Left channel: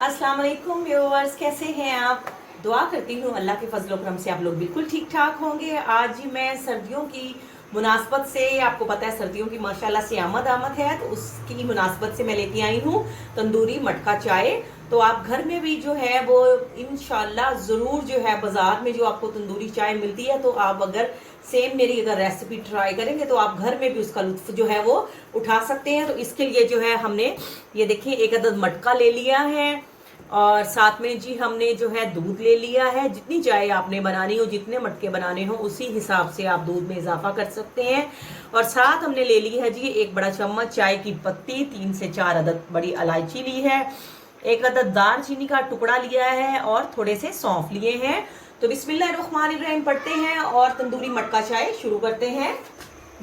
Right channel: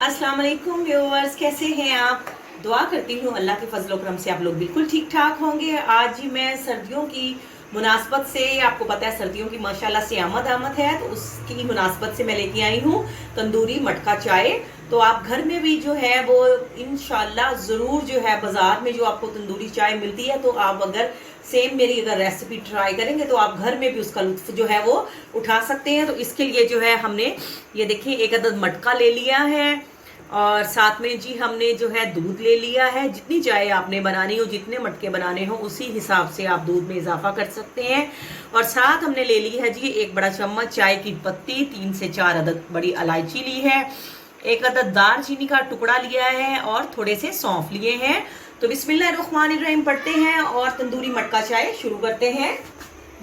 अस्सलाम वालेकुम व्यूअर्स, कैसे हैं आप। दुआ करती हूँ अल्लाह के फजल करम से आप लोग बिल्कुल ठीक ठाक होंगे। आज ही मैं सर्दियों की मुनासबत से, आपको पता है सर्दियों की माशाल्लाह से आमद है, तो उसकी मुनासबत से मैं लेके आई हूँ तंदूरी मटका चाय। तो आप घर में भी जो है वो इंशाल्लाह जरूर जो है, बाजार में जो आपको तंदूरी चाय मिलती है, तो आप अगर सेम मेरी अगर रेसिपी ट्राई करेंगे तो आप घर में भी उसका लुत्फ जो है वो उठा सकते हैं। तो इसके लिए जो है हमने ये देखिए एक अदद मटका ले लिया है और साथ में जी हमने जो है दूध ले लिया है। जितनी चाय आपने बनानी हो, जितने मटके बनाने हो, उसी हिसाब से आप दूध में इजाफा कर सकते हैं। और साथ हमने ले ली है जी एक बड़ा चम्मच चाय की पत्ती, 3 से 4 अदद बड़ी इलायची ली है, एक अदद दालचीनी का टुकड़ा लिया है और थोड़े से सौंफ लिए हैं। तो बिस्मिल्लाहिर्रहमानिर्रहीम पढ़ते हैं और तंदूरी मटका चाय शुरू करते हैं।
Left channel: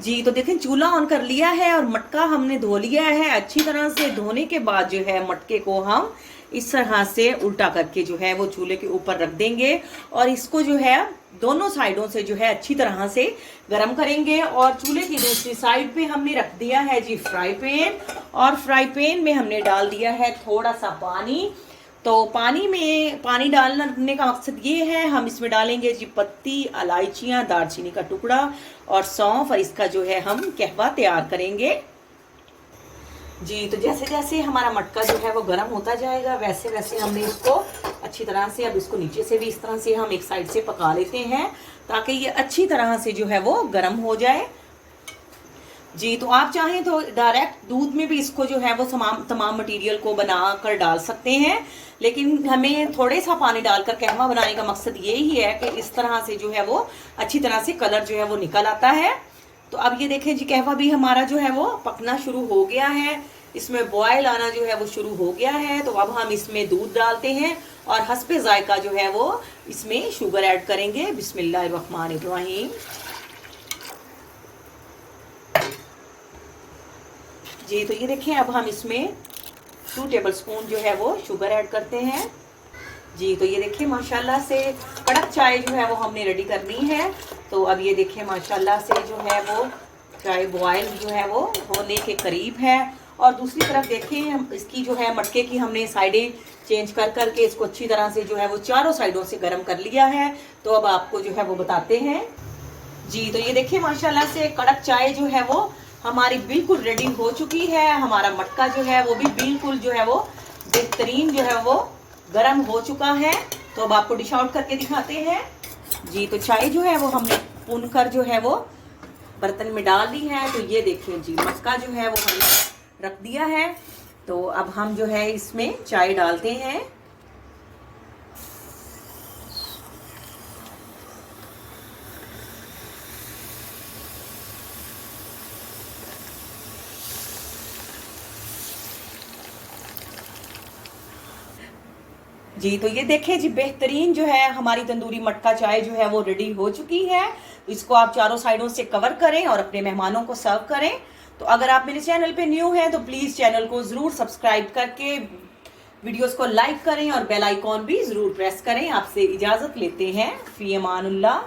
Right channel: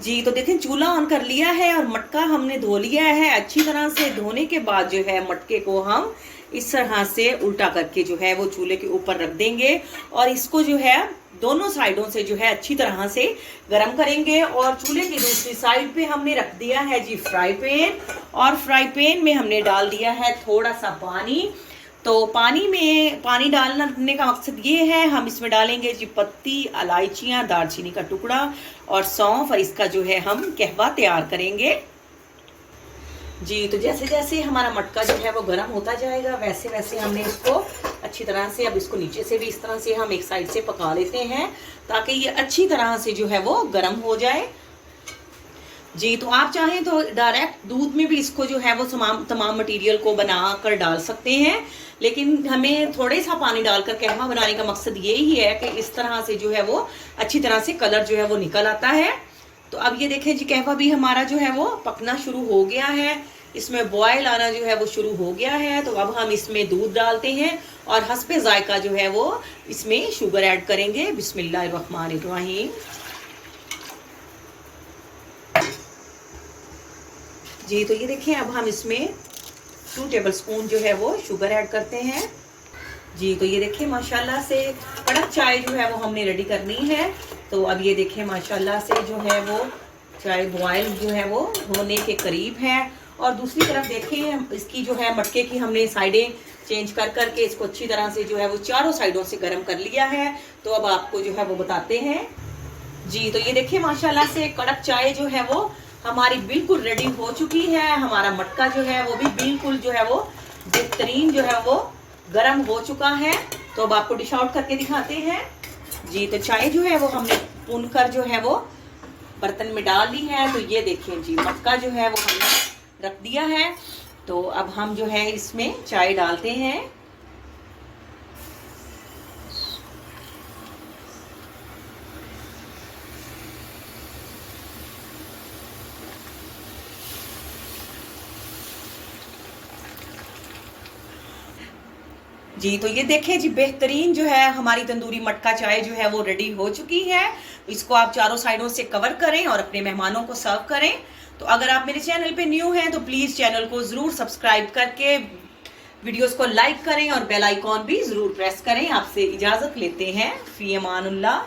जी तो देखें, चूल्हा ऑन कर लिया है और मटका हमने धो लिया है अच्छी तरह से। धोने के बाद जो है मटके को हम इस तरह से उल्टा करके जो है वो चूल्हे के ऊपर रख देंगे और इसको जो है दोनों साइडों से जो है अच्छी तरह से गर्म करेंगे। और चूल्हे की दूसरी साइड पे हमने रख दिया है जी फ्राई पैन, और फ्राई पैन में हमने डाल दिया है थोड़ा सा पानी। तो पानी डालने का मकसद ये है, हम इसमें डालेंगे जी पत्ती, इलायचियां, दालचीनी का टुकड़ा और सौंफ, और इसका जो है हम कहवा तैयार करेंगे। जी तो जैसे जैसे हमारा मटका जो है वो गर्म होता जाएगा, वैसे वैसे हमने इसको अच्छी तरह से, अब इसको नीचे से भी इस तरह से हम एक साइड से पका लेते हैं ताकि ये अच्छी तरह से जो है वो गर्म हो जाए। जी तो आप चाहें तो डायरेक्ट दूध में भी इसको जो है वो तमाम मटेरियल को बना कर डाल सकते हैं, लेकिन हमें थोड़े सा पानी डालकर कहवा बनाने का मकसद यही है कि इस तरह से जो है वो अच्छी तरह से कलर जो है वो निकल आता है। तो अब ये देखें जी, कहवा भी हमारा जो है वो पकना शुरू हो गया है, इसमें बॉयल आना जो है वो शुरू हो गया है। तो अब हम इसमें दूध डालते हैं और हस्बे जायका जो है वो इसमें शुगर ऐड करेंगे। बिस्मिल्लाहिर्रहमानिर्रहीम। जी तो ये देखिए, अब हम इसमें 2 टेबल स्पून जो है वो शुगर ऐड करते हैं। जी तो ये देखिए माशाल्लाह से कड़क चाय जो है वो हमने रेडी करनी है। तो अब ये देखिए माशाल्लाह से जो है वो चाय बॉयल जो है वो होने के करीब है। और दूसरी तरफ देखें, इसकी जो है मटके की हमने साइडें चेंज कर करके इसको अच्छी तरह से जो है वो चारों साइडों से गर्म कर लिया है। तो अब आपको जो है वो बताते हैं। जी तो ये देखिए माशाल्लाह से कड़क चाय जो है वो हमारी बिल्कुल रेडी हो चुकी है। हमारा मटका जो है वो भी बिल्कुल जो है वो बेहतरीन जो है वो गर्म हो चुका है। तो अब आपको डिश आउट करके दिखाते हैं। जी तो चाय जो है वो हमने भून कर जो है वो बर्तन में डाल दी है। तो ये देखिए जी, मटका जो है वो हमने रख दिया है। तो अब हम जो है इसमें चाय डालते हैं। जी तो ये देखें जी, बेहतरीन जो है हमारी तंदूरी मटका चाय जो है वो रेडी हो चुकी है। इसको आप चारों साइडों से कवर करें और अपने मेहमानों को सर्व करें। तो अगर आप मेरे चैनल पे न्यू हैं तो प्लीज चैनल को जरूर सब्सक्राइब करके वीडियोस को लाइक करें और बेल आइकॉन भी जरूर प्रेस करें। आपसे इजाजत लेते हैं। फी अमानुल्लाह।